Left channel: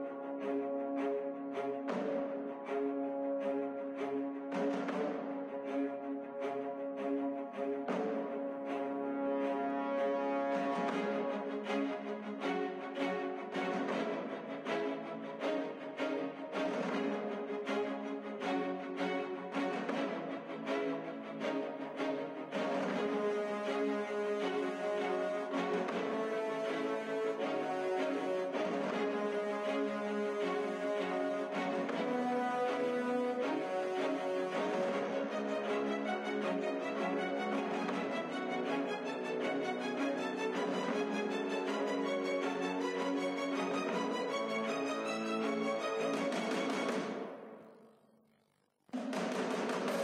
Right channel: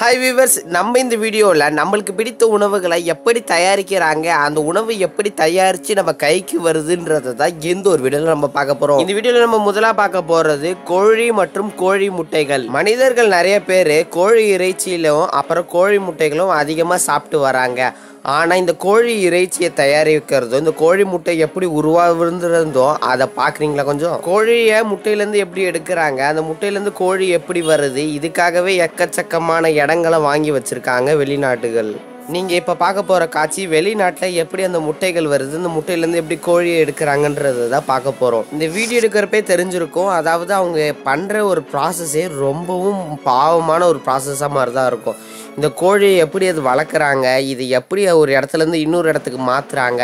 Hi viewers, நம்ம இந்த வீடியோவில் நம்மளுக்கு பிடித்த உணவுகளை எப்படி தயாரிக்கிறாங்க, அந்த உணவு எப்படி தயாரித்து நம்ம கைக்கு வருதுன்றதை தான் இந்த ஒரு வீடியோவில் நம்ம பார்க்க போகிறோம். இந்த வீடியோவில் நம்ம முதலாக பார்க்க போகிறது கோழி மற்றும் கோழி முட்டைகள். மனிதர்கள் நிறைய பேர் கோழி இறைச்சியிலும் அப்புறம் கோழி முட்டைகளும் அதிகமாக சாப்பிட்டு வராங்க. ஆனால் இந்த கோழி இறைச்சியை தயாரிக்கிறதும் இந்த கோழி முட்டை எப்படி உருவாகுறதோ அதை பார்க்குறீங்களா? கொஞ்சம் கோழியை முட்டையிலேருந்து எப்படி எடுக்கிறாங்க, அந்த முட்டையிலேருந்து கோழி எப்படி வருது, இதுக்காகவே எக்கச்சக்கமான இடங்களை வாங்கி வச்சுருக்காங்க வெளிநாட்டுகள். நீங்கள் இப்போ பார்க்க போகிற காட்சி வெளிநாட்டில் எப்படி அந்த முட்டைகள் வருது, இந்த முட்டையிலேருந்து எப்படி கோழியை எடுக்கிறாங்கன்றது தான் பார்க்க போகிறோம். இந்த வீடியோ எடுக்கிறப்பே தெரிஞ்சிருக்கும். அதாவது அவங்க பண்ணுற ஒரு ப்ராசஸே ரொம்பவும் பாவமான ஒரு ப்ராசஸாக மாதிரி தான் இருக்கும். இந்த கோழியை எப்படி அது வளர்க்குறாங்க, இது எப்படி ஒரு இடத்துலேருந்து இன்னொரு இடத்துக்கு மாற்றுறாங்க,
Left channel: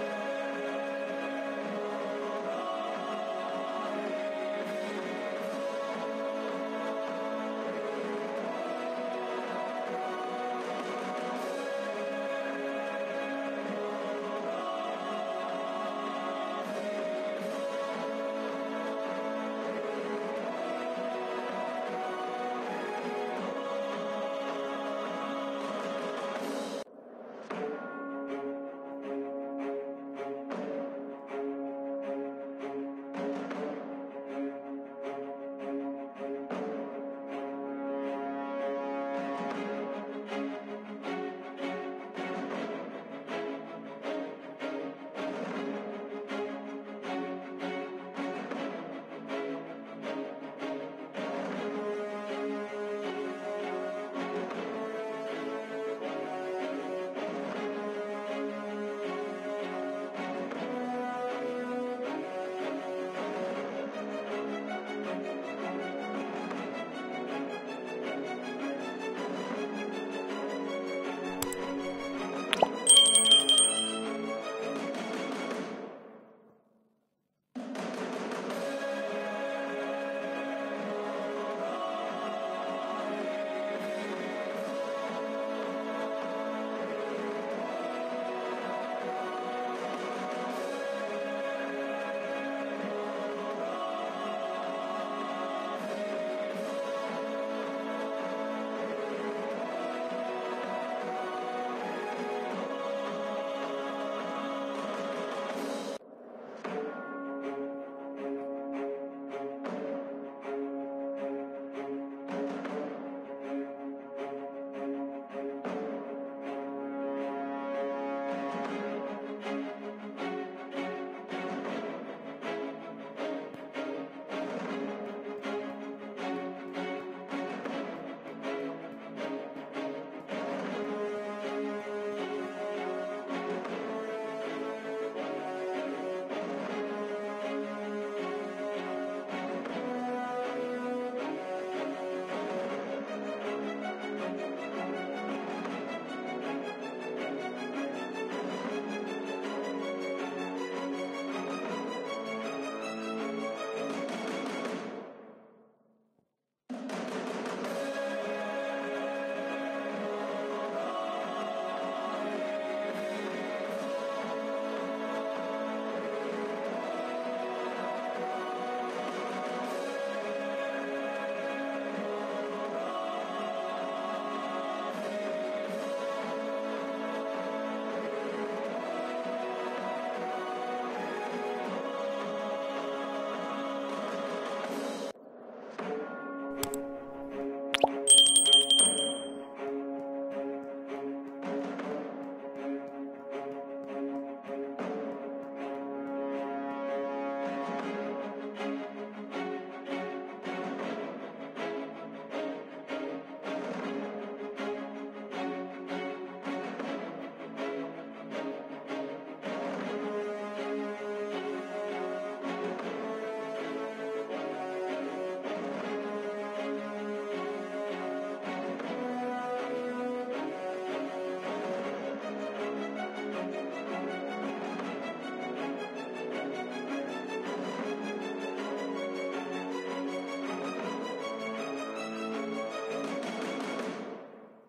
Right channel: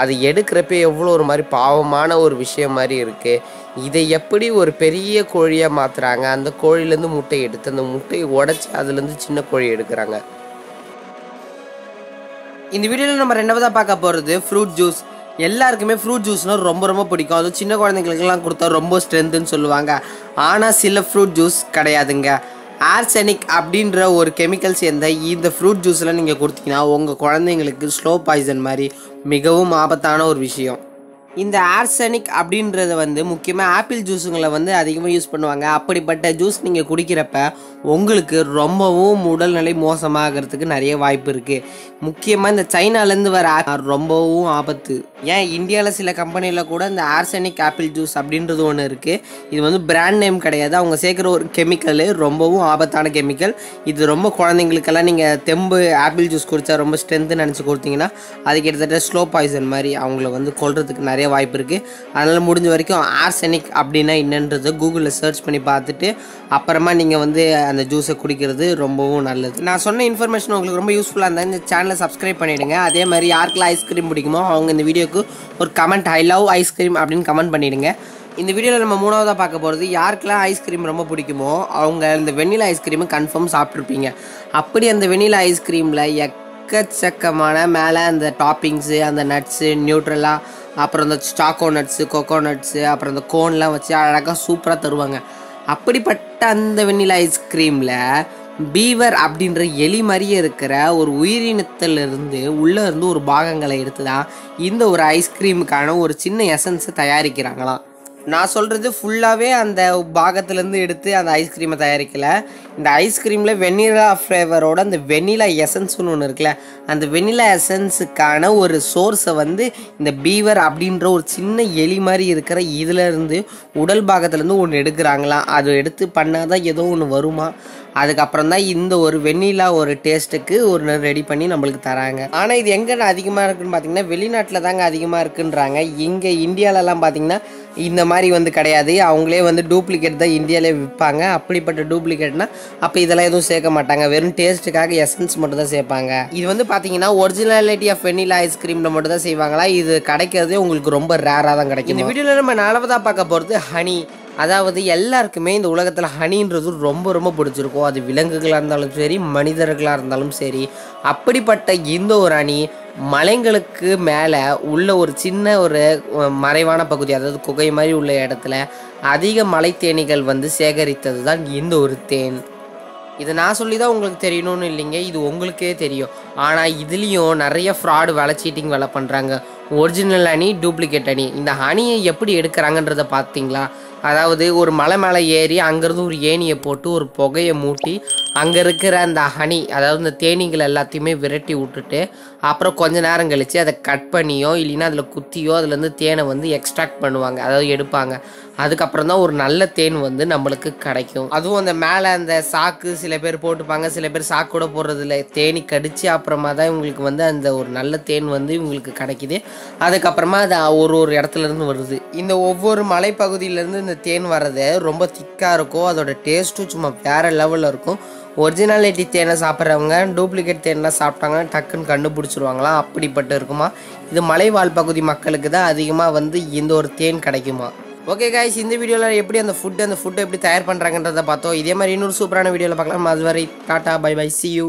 அது எடுக்கிறப்ப எவ்வளோ ஒரு மாதிரி பாவமான ஒரு விஷயம் மாதிரி இருக்குது. இதை எப்படி ஒரு பெரிய கோழியாக மாற்றுறாங்க, அந்த கோழிலேருந்து முட்டை எடுத்து அந்த முட்டையை உடச்சி அதுலேருந்து சின்ன கோழி எடுக்கிறாங்க. இந்த வீடியோவில் நம்ம ரெண்டாவதாக பார்க்க போகிறது ஃப்ரூட் ஜூஸ். எல்லாருக்குமே ஃப்ரூட் ஜூஸ்னால் ரொம்ப ரொம்ப பிடிக்கும். அதுவும் சின்ன குழந்தைங்களுக்கெல்லாம் கொடுத்தா ரொம்ப ஸ்ட்ரென்த்துன்னு சொல்லுவாங்க. ஆனால் சில ஃப்ரூட் ஜூஸ் கிடையாதுங்க. ஆர்செனிக் அப்படின்ற ஒரு கெமிக்கல் சேர்ந்த இந்த ஃப்ரூட் ஜூஸில் நீங்கள் கொடுத்தீங்கன்னா உங்கள் குழந்தைங்களுக்கு ஸ்லோ பாய்சன் மாதிரி மிகவும் ஆபத்தான ஒரு விஷயம். இந்த ஆர்செனிக் அப்படின்றத முக்கியமாக ஆப்பிள் ஜூஸுங்களை அதிகமாக யூஸ் பண்ணுவாங்க. அப்படிப்பட்ட ஜூஸ் நீங்கள் குடிக்கிறப்ப உங்களுக்கு ரொம்பவும் உடல்நிலை மோசமாகிறதுக்கு நிறைய வாய்ப்பு இருக்குது. முக்கியமாக இந்த சைனாலேருந்து வர ரொம்பவும் ஆபத்து. ஏன் இந்தியாவில் சில கம்பெனியில் கூட இந்த ஆர்செனிக் ஆப்பிள் ஜூஸ் அப்படின்றது ஒன்று இருக்குது. இது பிராண்ட் நேம் கிடையாது, அவங்க சேர்க்குற ஒரு கெமிக்கல், ரொம்பவும் ஆபத்தான கெமிக்கல். இது ரொம்ப குழந்தைங்களுக்கெல்லாம் நீங்கள் தெம்பு ஆப்பிள் ஜூஸ் குடித்தா ரொம்ப ஸ்ட்ரென்த்து நினச்சி கொடுத்தீங்கன்னா அது கிட்டத்தட்ட ஸ்லோ பாய்சன் மாதிரி அவங்கள கொல்றதுக்கு நிறைய வாய்ப்பு இருக்குது. அதனால் முடிஞ்ச வரைக்கும் ஆர்செனிக் அப்படின்னா என்னன்றதை கூகுளில் சர்ச் பண்ணி பார்த்துட்டு அப்புறமா நீங்கள் அந்த ஜூஸை குடிக்கிறது ரொம்பவும் நல்லது. நான் சொன்ன இன்ஃபர்மேஷன் உங்களுக்கு ரொம்ப யூஸ்ஃபுல்லாக இருந்தால் இந்த சேனலை சப்ஸ்கிரைப் பண்ணிவிடுங்க. அதே மாதிரி யாருக்கெல்லாம் ஐஸ்கிரீம் பிடிக்குமோ அவங்க இந்த வீடியோக்கு ஒரு கமெண்ட் ஐ லவ் ஐஸ்கிரீம் அப்படின்னு கமெண்ட் பண்ணிவிடுங்க. இந்த வீடியோவில் நம்ம மூணாவதாக பார்க்க போகிறது யாருக்கெல்லாம் ஐஸ்கிரீம் ரொம்ப பிடிக்குமோ அவங்க இந்த வெண்ணிலா ஐஸ்கிரீமு கன்ஃபார்ம் சாப்பிட்ருப்பீங்க. அப்படி அந்த வெண்ணிலா ஐஸ்கிரீமில் எக்கச்சக்கமான மேலே அந்த டாப்பிங்ஸு, அந்த நட்ஸு, நியூட்ரலா, அப்புறம் இந்த சாக்கோ நட்ஸு, கொக்கோ நட்ஸு, அப்புறம் இந்த கோன்லாம் வச்சு அழகாக சூப்பராக தருவாங்க. அப்படிப்பட்ட அந்த வெண்ணிலா ஐஸ்கிரீமில் பீவர் அப்படின்ற எலி மாதிரியே இருக்கிற ஒரு உயிரினத்திலிருந்து உள்ளே இருந்து ஒரு பாகங்களை எடுத்து தான் இந்த ஒரு ஐஸ்கிரீமுக்கான ஒரு சின்ன எசன்ஸை தயாரிக்கிறாங்களாம். நான் சொல்கிறது ஃபுல்லாகவே அந்த பாகத்துலேருந்து எடுத்து அந்த ஐஸ்கிரீமை தயாரிக்கலை. இந்த ஐஸ்கிரீமில் வெண்ணிலா ஃப்ளேவரோட அந்த வெண்ணிலா எசன்ஸ்னு ஒன்று இருக்குல்ல, அந்த வெண்ணிலா எசன்ஸுக்கான ஒரு சோர்ஸை இந்த பீவர் அப்படின்ற ஒரு சின்ன எலி மாதிரி இருக்கிற இதிலேருந்து உடல் பாகத்துலேருந்து ஒன்று எடுக்கிறாங்களாம். அது எடுத்து பண்ணால் தான் ஏதோ ஒன்று வருமா, அதுக்கப்புறம் தான் இந்த ஒரு வெண்ணிலா ஒரு டேஸ்ட்டுக்கு ஒரு ரெடி பண்ணி நம்மளுக்கு தராங்க. ஆனால் இது எங்கே அதிகமாக இருக்குன்னு பார்த்தீங்கன்னா வெளிநாட்டில் தாங்க அதிகமாக இருக்குன்றாங்க. இங்கே இந்தியாவிலலாம் பார்த்தீங்கன்னா இந்த மாதிரி கிடையாது. அவங்களே டூப்ளிகேட் தான் இந்தியாவிலே விற்பாங்க. அப்படிப்பட்ட டூப்ளிகேட்னா அப்போ இதெல்லாம் எதுவும் சேர்க்க மாட்டாங்க, வெறும் டேஸ்ட்டுக்காக எசன்ஸ் மட்டும் தான் சேர்ப்பாங்க. இது பார்த்தீங்கன்னா ஒரிஜினாலிட்டி ஆஃப் வெண்ணிலா ஐஸ்கிரீமில் மட்டும் தான் செய்வாங்களா. இது கிடைக்கிறதே உங்களுக்கு ரொம்ப ரேராக தான் கிடைக்கும். இந்த வீடியோவில் நம்ம நாலாவதாக பார்க்க போகிறது ஹனி. அதாவது எல்லாருக்குமே இந்த உலகத்தில் ஹனின்றது ரொம்ப ரொம்ப பிடிச்சிருக்கும். அது விலங்குகளாக இருந்தாலும் சரி, மனிதர்களாக இருந்தாலும் சரி. அப்படிப்பட்ட இந்த ஒரு ஹனி மலைங்களுக்கு மேலே உள்ள ஒரு சின்ன ஒரு மறைவான பகுதி, அதாவது குகை மாதிரி உள்ள இடத்துல அதிக மலை தேனீகள் சேகரித்தது தான் இந்த ஒரு தேன். இதை நான் சொல்லி தான் உங்களுக்கு தெரியணும்னு இல்லைங்க, இது உங்களுக்கே தெரியும். ஆனால் இதுலேயும் நிறைய ஃப்ராடு வேலை, சீட்டிங் வேலை பண்ணுறாங்க. Original honey, duplicate honey. இந்த ஹனியை எப்படி எடுக்கிறாங்கன்றதை பார்த்தீங்களா? அதாவது ஒரு மலை மேலே ஏறி அங்கேருந்து ஒரு ஏணியை போட்டு ஒரு புகையை மூட்டி அங்கே இருக்கிற அந்த ஹனி, அதாவது இந்த தேனீகள் எல்லாத்தையுமே விரட்டி விட்டுட்டு அப்புறம் கொஞ்ச நேரம் கழித்து அதை கட் பண்ணியோ இல்லைன்னா அதில் குத்தியோ அதுலேருந்து தேனை எக்ஸ்ட்ராக்ட் பண்ணுவாங்க, அதாவது எடுப்பாங்க. அதுக்கப்புறம் தான் ஒரு நல்ல தேன் நம்மளுக்கு கிடைக்கும். அதுவும் அந்த மேலே அந்த சாக்கு சில பேர் போட்டுப்பாங்க, சில பேர் சாக்கு கூட போடுறதில்ல. தேனி கடித்து அப்புறமா தான் இவங்களுக்கு அந்த ஒரு நல்ல தேன் இவங்களுக்கு கிடைக்கிது. அதுக்கப்புறமா அது ஒரு இடத்துலேருந்து வருது. இந்த ஒவ்வொரு மலைப்பகுதியிலேருந்து இந்த தேன் வர்றது ரொம்ப திக்காக இருக்கும். அதோட டேஸ்ட்டும் சும்மா வேறு லெவலில் இருக்கும். ஒரிஜினாலிட்டி தேனை சாப்பிட்றவங்க டூப்ளிகேட் தேனை சாப்பிட்டாங்கன்னா டக்குன்னு கண்டுபிடிச்சிருவாங்களாம். அப்படிப்பட்டு இருக்குமா. இது மலைவாழ் பகுதி மக்களுக்கு தான் அதிகமாக இந்த ஒரு தேன் கிடைக்குமா. ஓகே காய்ஸ், இந்த வீடியோவில் எப்படி அந்த ஃபுட்டை எப்படி தயார் பண்ணுறாங்கன்றதை பார்த்தோம். இதே மாதிரி இன்னொரு சூப்பரான வீடியோவில் பார்க்கலாம். அதுவரை டாட்டா, பை பை, see you.